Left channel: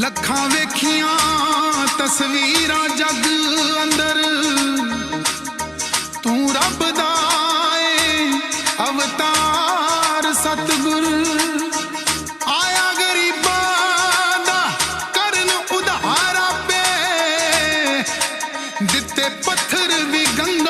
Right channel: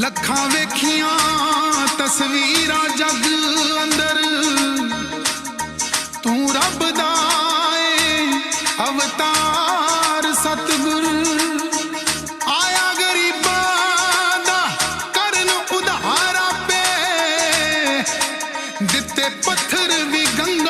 ਲੱਖਾਂ ਵੇਖੀਆਂ ਤਸਵੀਰਾਂ ਜੱਗ ਅੰਦਰ ਤੂੰ ਰੱਬ ਦਾ ਏ ਅਵਤਾਰ ਸਤਗੁਰ ਆਇਆ ਗਰੀਬਾਂ ਦਾ ਕਰਨ ਉਧਾਰਾ ਪੇ ਦਿੱਤੇ ਪੱਥਰ ਵੀ ਗੰਗ